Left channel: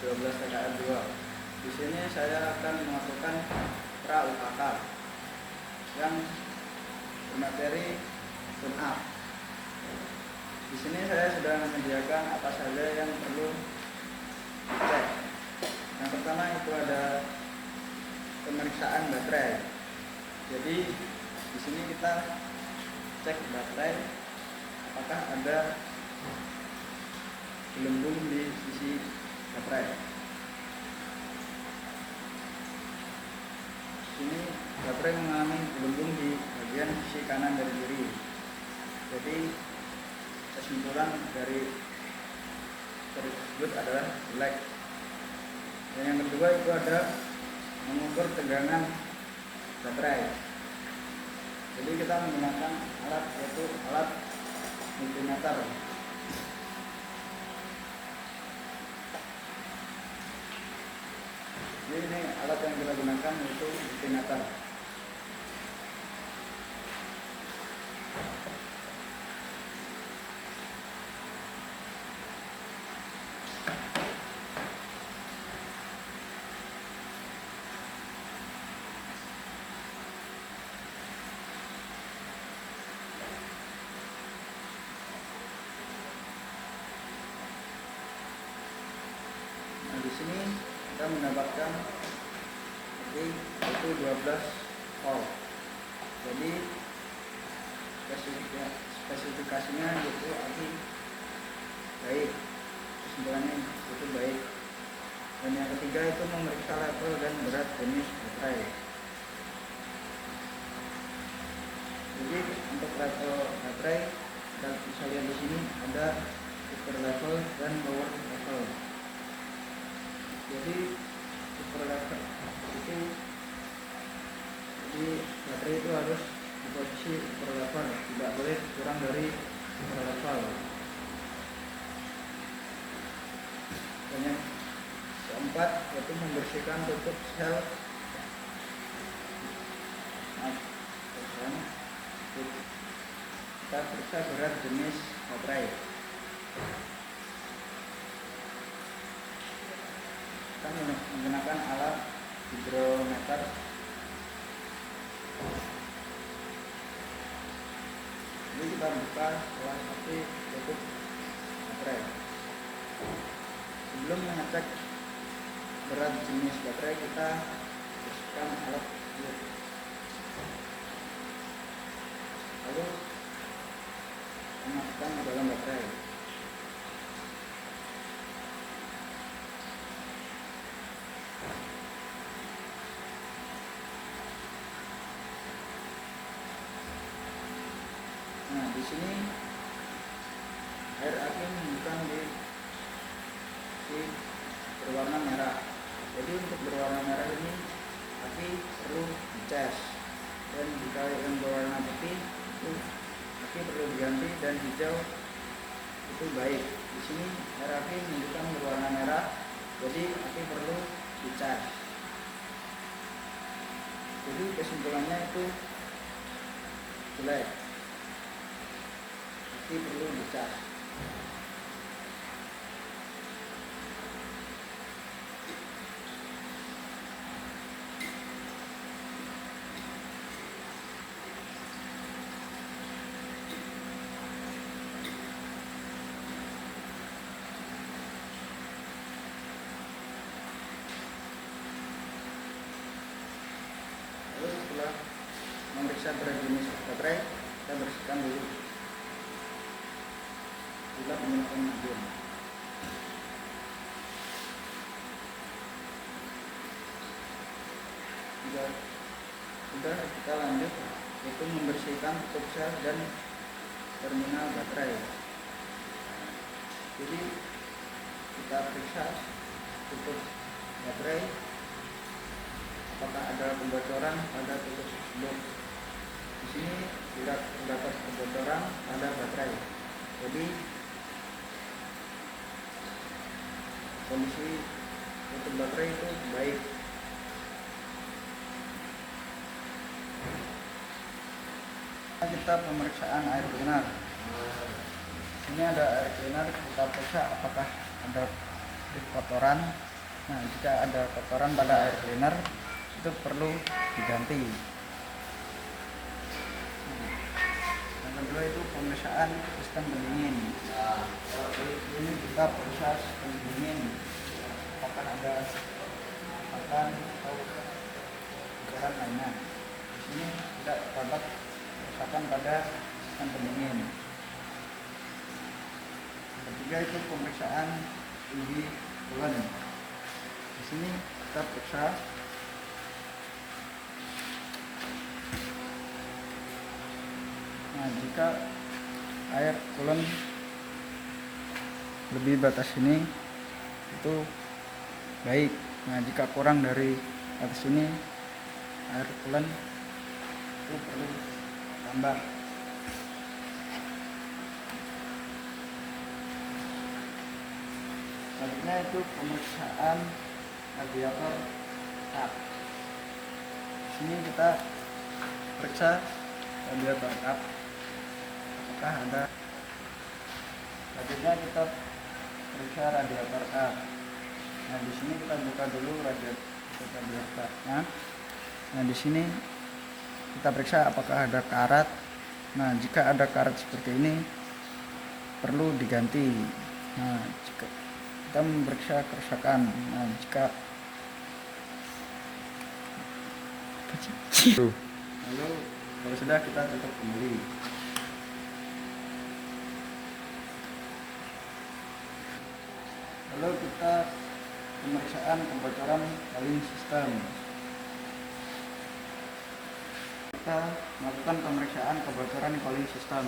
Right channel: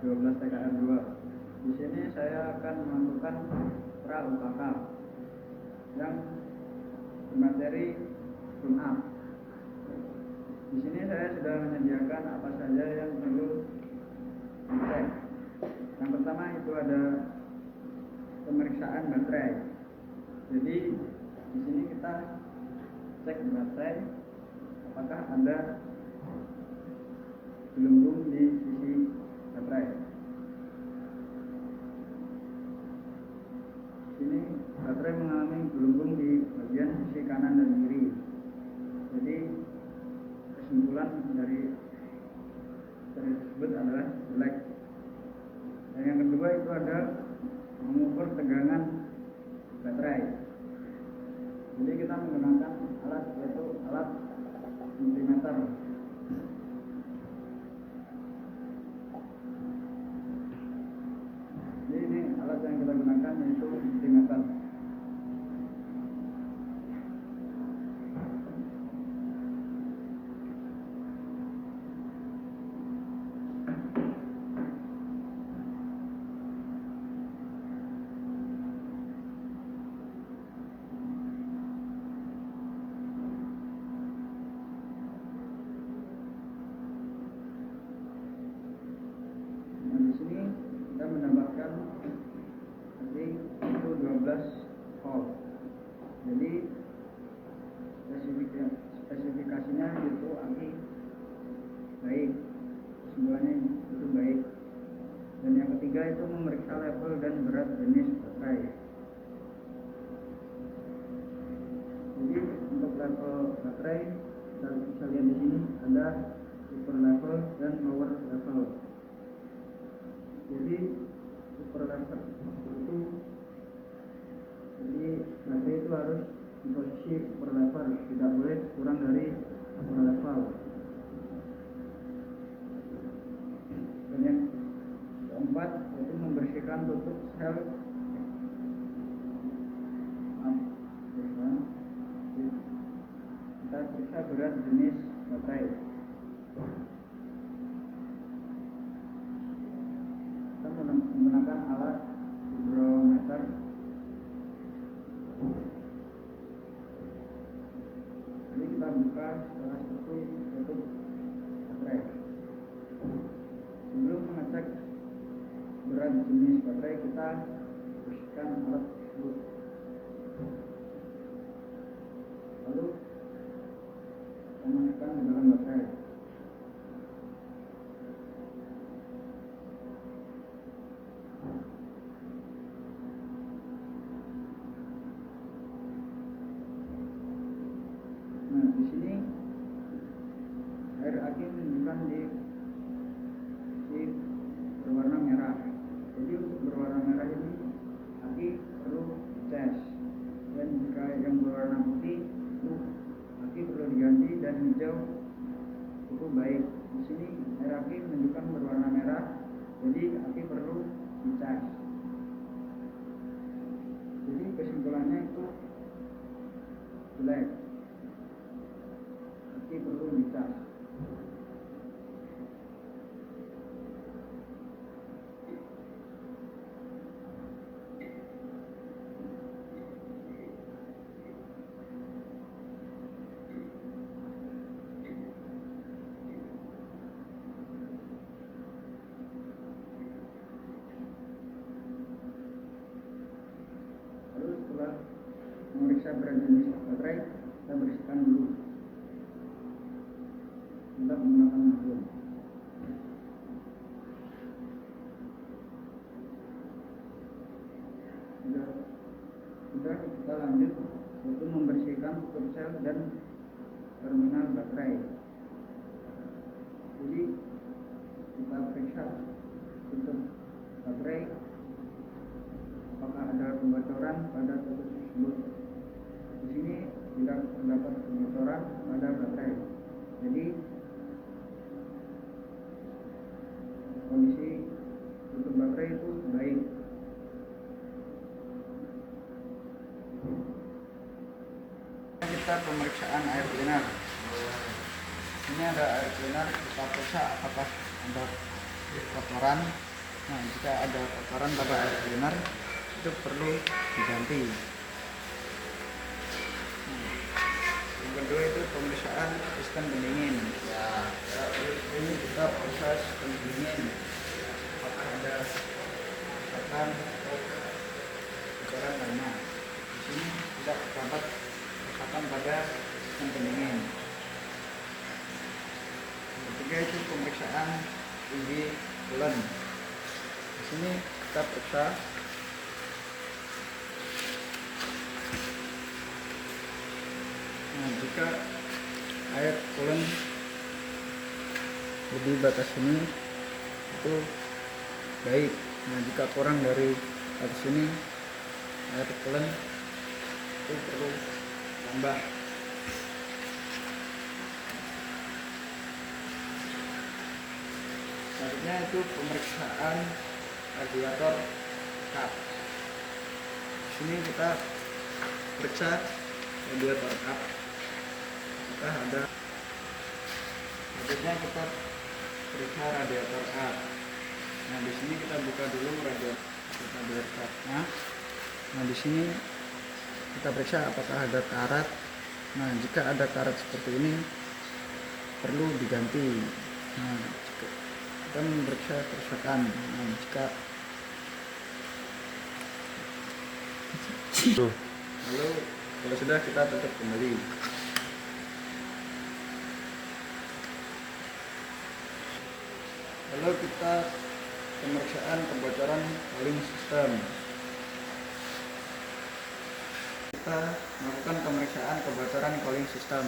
12 TKR 2. Di sini saya akan memasukkan pra UKK yang bermateri tune up. Di sini saya sudah menyediakan apa saja yang perlu dicek. Yang pertama itu ada pemeriksaan baterai. Jadi di sini kita cek baterai apakah ada gelembung di sisi baterai. Ini baterai mengalami gelembung di bagian sisi kanan dan kiri. Jadi kesimpulan dari tersebut adalah black. Dan yang kedua itu ada mengukur tegangan baterai. Jadi kita menggunakan alat yaitu alat multimeter. Jadi ini alat yang kita gunakan yaitu multimeter. Di sini kita mendapatkan itu 12 volt. Jadi spesifikasinya itu baik, kesimpulannya itu baik. Dan yang ketiga itu memeriksa level dan berat jenis baterai. Jadi untuk level baterai kita bisa lihat di sini ada upper level dan lower level. Jadi upper level itu baterai itu harus di posisi upper level, tidak boleh kurang dari upper level. Dan yang keempat yaitu membersihkan tutup sel. Kita periksa berat jenis baterai. Kita menggunakan alat hidrometer. Ini kita buka setelah seperti tutup baterai. Sebelum mengecek berat jenis baterai, kita bersihkan alat tersebut. Lalu tanamkan di dalam baterai. Nah, di sini air aki menunjukkan di berwarna merah. Jadi untuk berwarna merah ini aki perlu dicas. Dan jika yang berwarna putih itu aki perlu diganti, dan hijau itu baik. Di sini air aki menunjukkan berwarna merah, jadi aki perlu dicas. Jadi kesimpulannya itu jelek, aki perlu dicas. Setelah memeriksa berat jenis baterai, kita bersihkan dulu. Kita menggunakan sabun. Sudah kita lanjut yaitu membersihkan tutup sel dan terminal baterai. Jadi kita periksa tutup baterai apakah ada kebocoran pada tutup tersebut. Di sini tidak terdapat kebocoran pada baterai. Jadi kondisi tutup baterai itu baik. Kita pemeriksaan air cleaner. Ini ada air cleaner, kita periksa apakah ada kotoran Nah, jika ada kotoran pada air cleaner itu perlu diganti. Nah, yang kedua itu pemeriksaan sistem pendingin. Ini kita periksa sistem pendingin, apakah ada kotoran atau kotoran lainnya. Di sini tidak terdapat kerusakan pada sistem pendingin. Ketiga itu pemeriksaan UV coolant. Di sini kita periksa jika air coolant lebih batas ini itu baik. Nah, jika kurang dari batas ini air coolant itu perlu tambah. Selanjutnya itu pemeriksaan radiator kap. Di sini kita periksa radiator kap. Ada. Selanjutnya kita periksa radiator kap. Nah, di sini kita buka dulu radiator kapnya. Nah, di sini kita periksa apakah ada karat. Nah, jika ada karat seperti ini perlu diganti. Nah, kita memeriksa kerusakan. Nah, jika lalu kalau sudah kita tutup kembali. Lalu kita pemeriksaan kebocoran cooling system. Kita melakukan pemeriksaan kebocoran cooling system.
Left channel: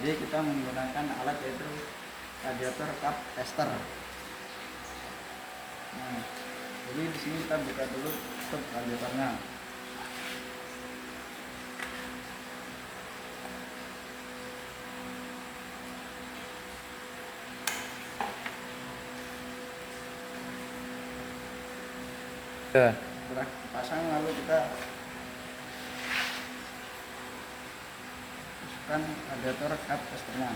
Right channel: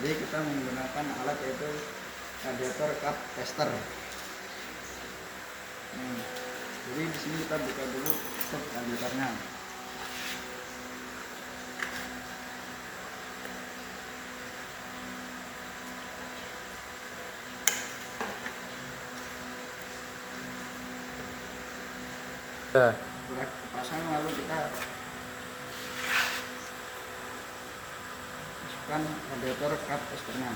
Jadi kita menggunakan alat yaitu radiator kap tester. Nah, jadi di sini kita buka dulu stop radiatornya. Sudah pasang, lalu kita masukkan radiator kap testernya.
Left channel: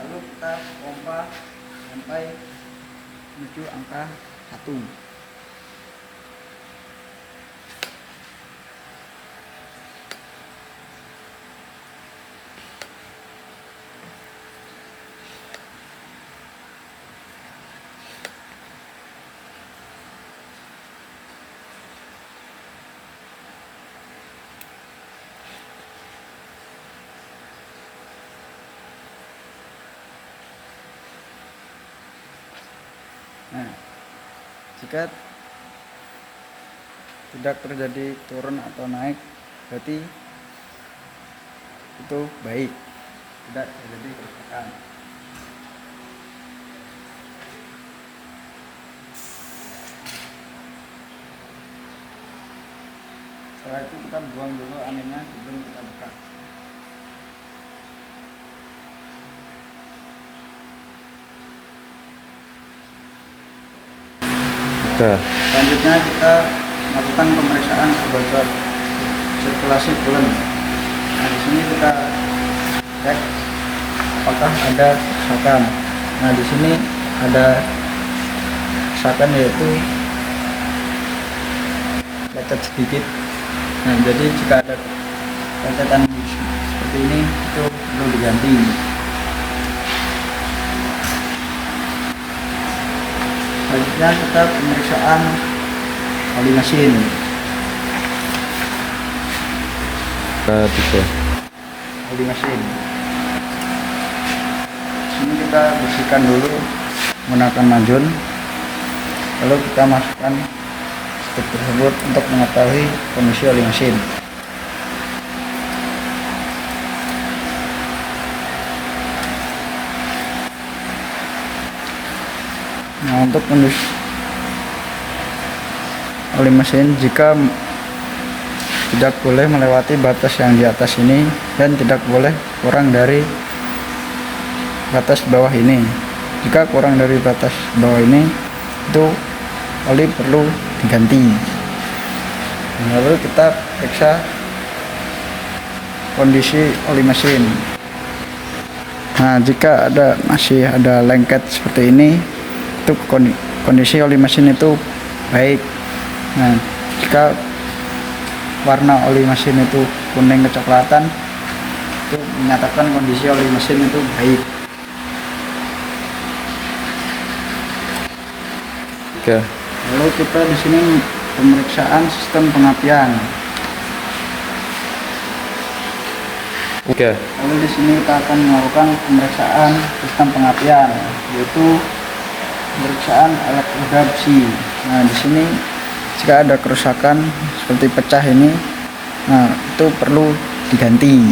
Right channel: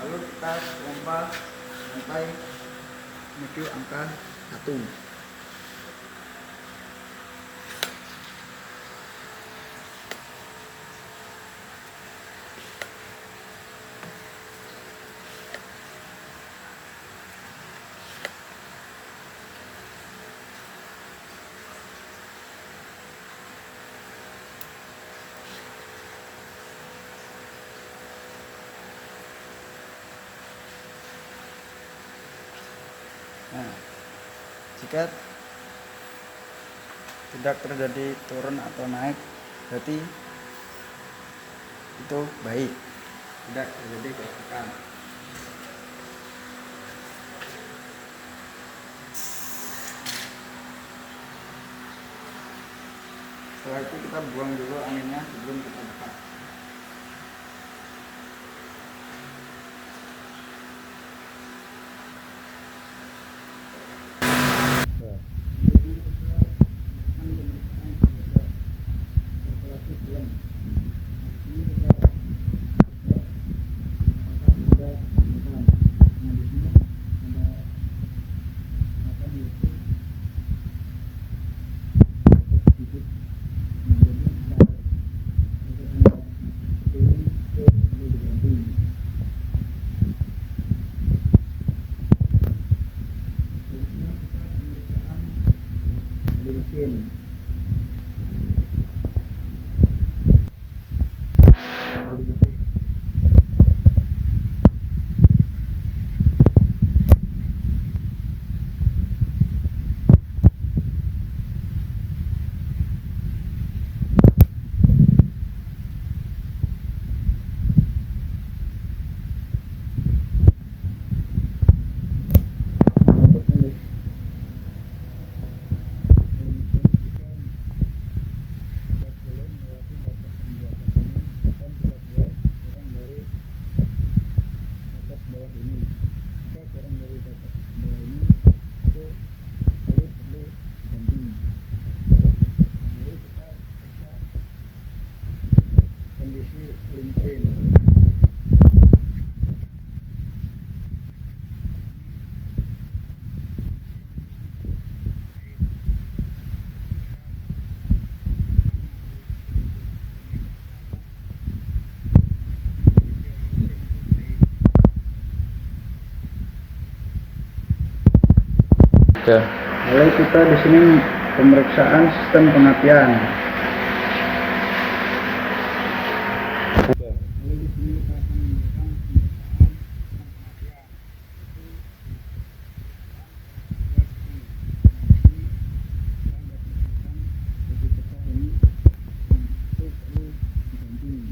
Lalu kita pompa sampai menuju angka 1. Nah, jika tidak terjadi turun atau naik, berarti itu baik, tidak terjadi kerusakan. Setelah itu kita buang dulu anginnya sebelum kita buka. Selanjutnya kita melakukan pemeriksaan kebocor sirkulasi coolant. Nah, di sini kita cek apakah ada kerusakan. Nah, di sini ada kerusakan yaitu lecet sedikit. Nah, jadi jika ada lecetan seperti ini itu perlu diganti. Selanjutnya kita pemeriksaan oli mesin. Oli mesin. Ini kita bersihkan dulu menggunakan majun. Lalu kita masukkan stick tersebut untuk mengetahui kondisi oli mesin. Untuk kondisi oli mesin, jika tidak boleh melewati batas yang di atas ini dan tidak boleh kurang dari batas bawah ini. Jika kurang dari batas bawah ini, itu oli perlu diganti. Lalu kita periksa kondisi oli mesin. Nah, jika masih ada lengket seperti ini, itu kondisi oli mesin itu baik. Nah, jika warna oli mesin itu kuning kecoklatan, itu menyatakan kondisi oli mesin itu baik. Oke. Lalu kita di sini pemeriksaan sistem pengapian. Oke. Lalu di sini kita akan melakukan pemeriksaan sistem pengapian, yaitu pemeriksaan alat penggerak besi. Nah, di sini jika ada kerusakan seperti pecah ini, nah itu perlu diganti.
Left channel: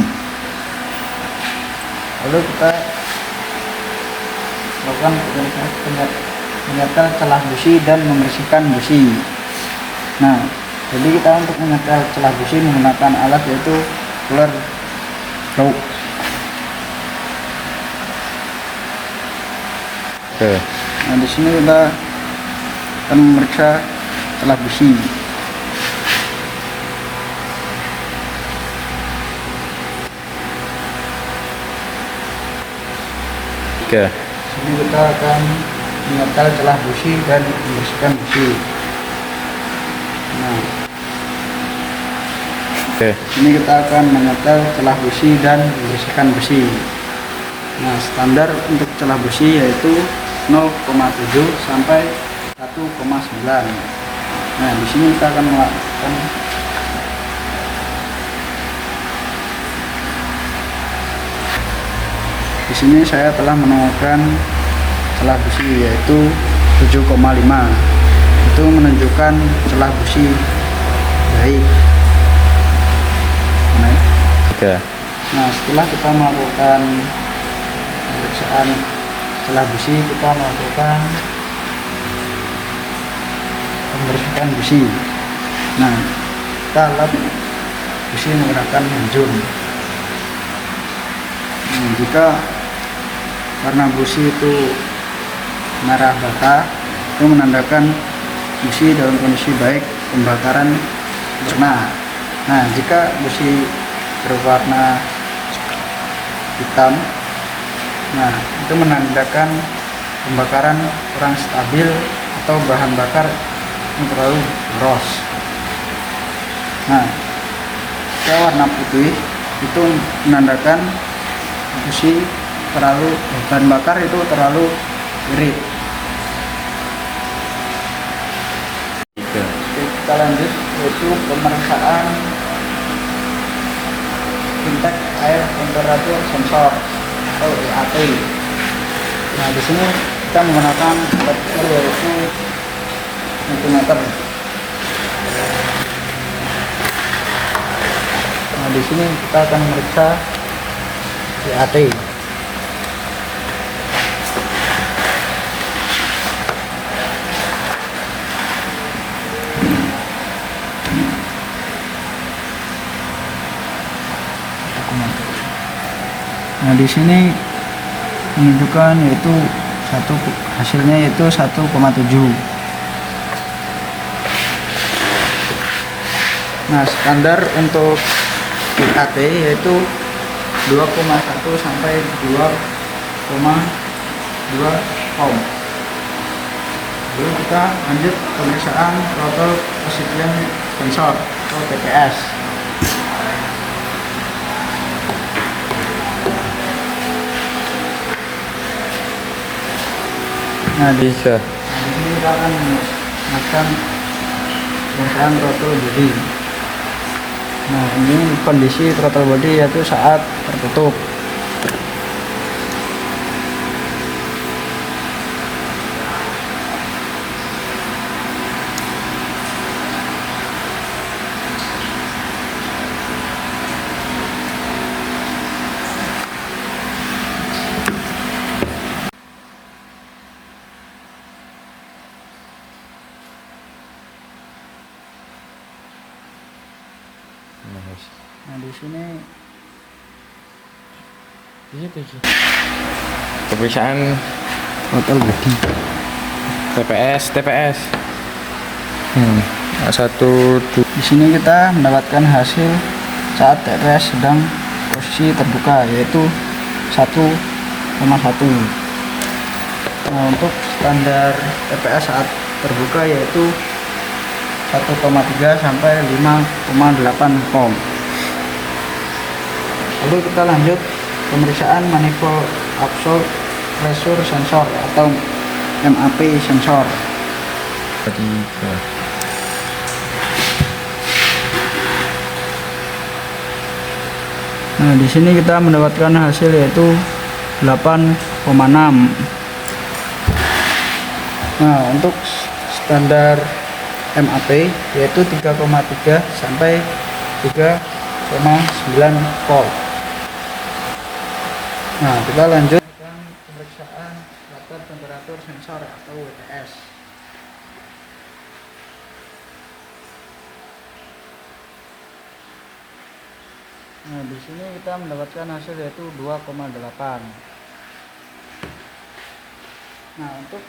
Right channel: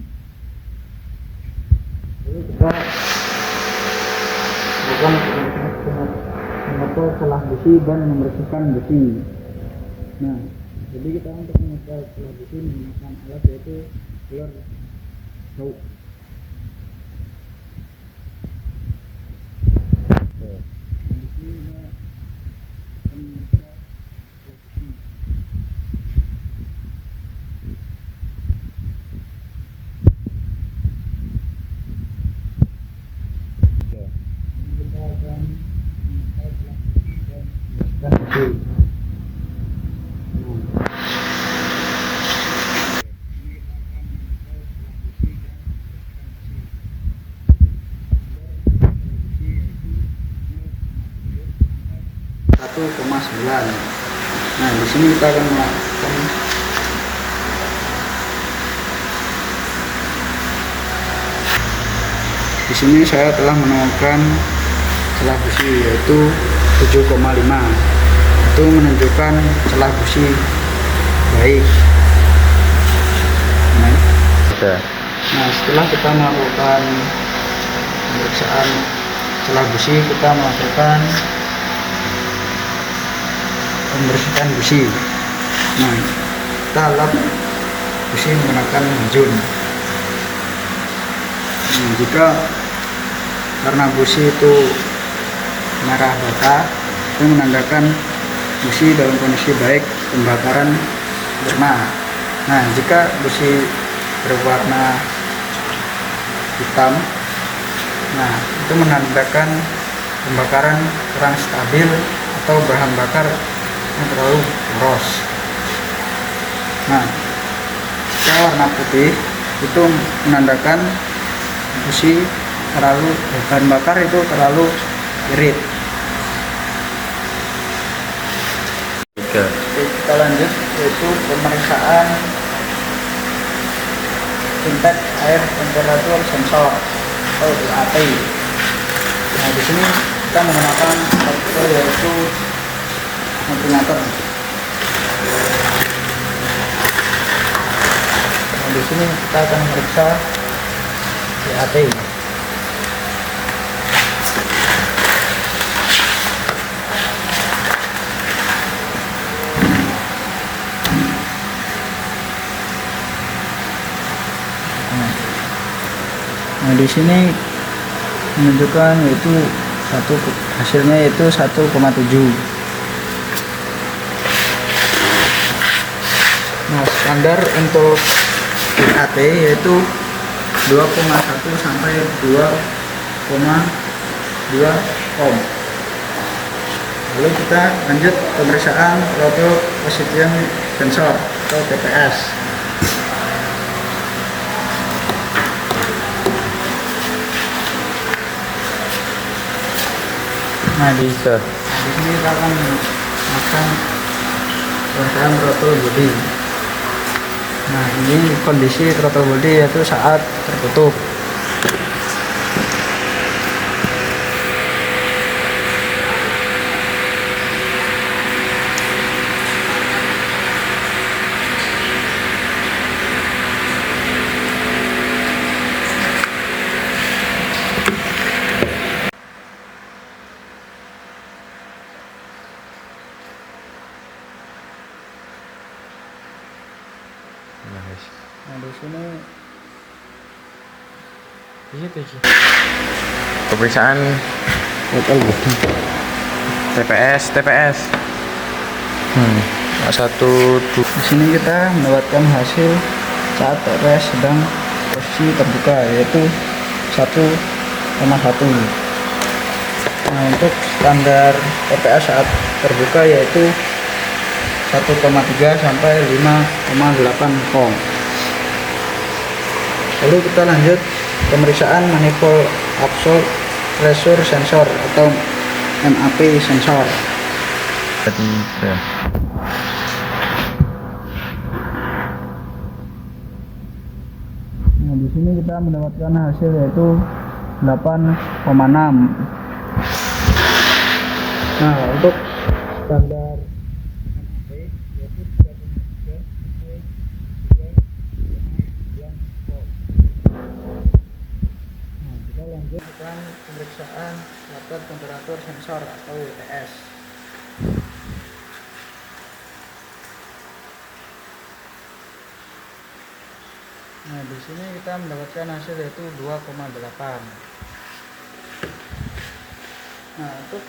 Lalu kita lakukan menyetel celah busi dan membersihkan busi. Nah, jadi kita untuk menyetel celah busi menggunakan alat yaitu roller block. Oke. Nah, di sini kita akan memeriksa celah busi. Oke. Jadi kita akan menyetel celah busi dan membersihkan busi. Nah, Oke. ini kita akan menyetel celah busi dan membersihkan busi. Nah, standar untuk celah busi yaitu 0,7 sampai 1,9. Nah, di sini kita akan melakukan di sini saya telah menemukan celah busi yaitu 7,5. Itu menunjukkan celah busi baik. Oke. Nah, setelah kita melakukan pemeriksaan celah busi, kita melakukan pembersihan busi. Nah, kita lap busi menggunakan jun. Nah, jika warna busi itu merah bata, itu menandakan busi dalam kondisi baik, pembakaran sempurna. Nah, jika busi berwarna hitam, nah itu menandakan pembakaran kurang stabil atau bahan bakar yang terlalu boros. Nah, jika warna putih itu menandakan busi terlalu bahan bakar itu terlalu irit. Oke. Oke, kita lanjut yaitu pemeriksaan intake air temperatur sensor atau IAT. Nah, di sini kita menggunakan software yaitu multimeter. Nah, di sini kita akan memeriksa IAT. Nah, di sini menunjukkan yaitu hasilnya yaitu 1,7. Nah, standar untuk IAT yaitu 2,1 sampai 2,2 ohm. Lalu kita lanjut pemeriksaan throttle position sensor atau TPS. Nah, di sini kita akan melakukan pemeriksaan throttle body. Nah, ini kondisi throttle body yaitu saat tertutup. Nah, di sini Pemeriksaan TPS. di sini kita mendapatkan hasil saat TPS sedang posisi terbuka yaitu 1,5. Nah, untuk standar TPS saat terbuka yaitu 1,3 sampai 5,8 volt. Lalu kita lanjut pemeriksaan manifold absolute pressure sensor atau MAP sensor. 3. Nah, di sini kita mendapatkan hasil yaitu 8,6. Nah, untuk standar MAP yaitu 3,3 sampai 3,9 volt. Nah, kita lanjut dengan pemeriksaan laptop temperatur sensor atau WTS. Nah, di sini kita mendapatkan hasil yaitu 2,8. Nah, untuk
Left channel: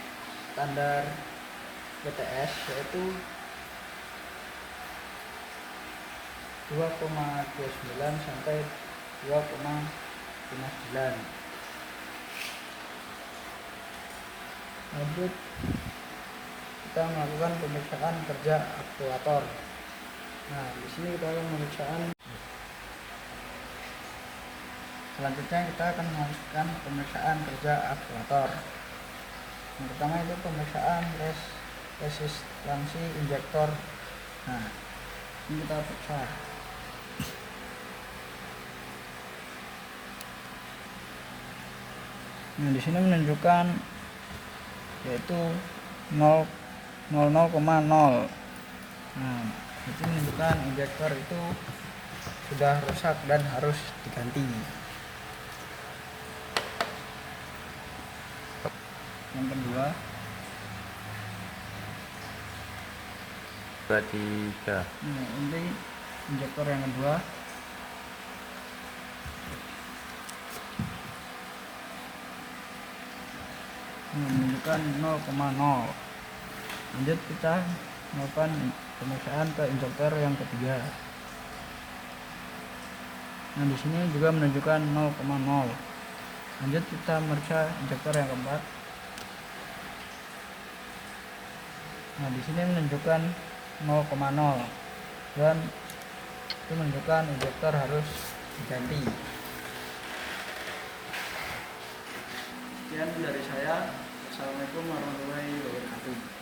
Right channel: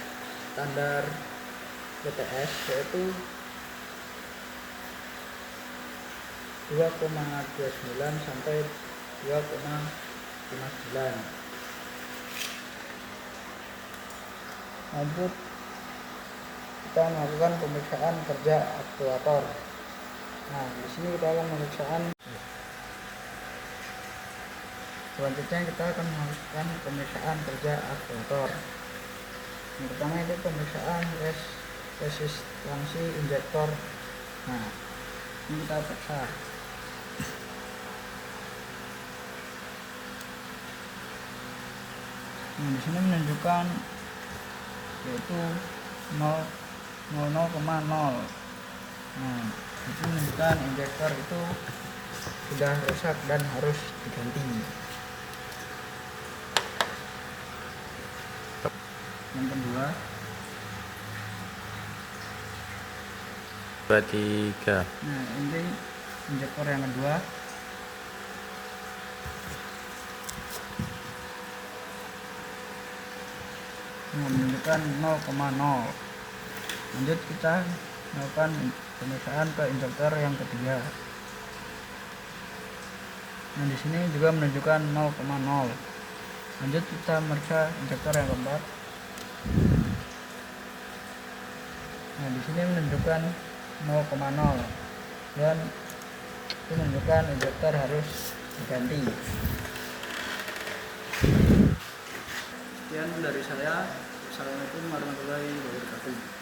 standar WTS yaitu 2,29 sampai 2,59. Lanjut kita melakukan pemeriksaan kerja aktuator. Nah, di sini kita akan pemeriksaan. Selanjutnya kita akan melakukan pemeriksaan kerja aktuator. Yang pertama itu pemeriksaan resistansi injektor. Nah, ini kita periksa. Nah, di sini menunjukkan yaitu 0,0. Nah, itu menunjukkan injektor itu sudah rusak dan harus diganti. Yang kedua, 3. nah ini injektor yang kedua. Nah, menunjukkan 0,0. Lanjut kita melakukan pemeriksaan ke injektor yang ketiga. Nah, di sini juga menunjukkan 0,0. Lanjut kita meriksa injektor yang keempat. Nah, di sini menunjukkan 0,0 dan itu menunjukkan injektor harus diganti. Sekian dari saya. Wassalamualaikum warahmatullahi wabarakatuh.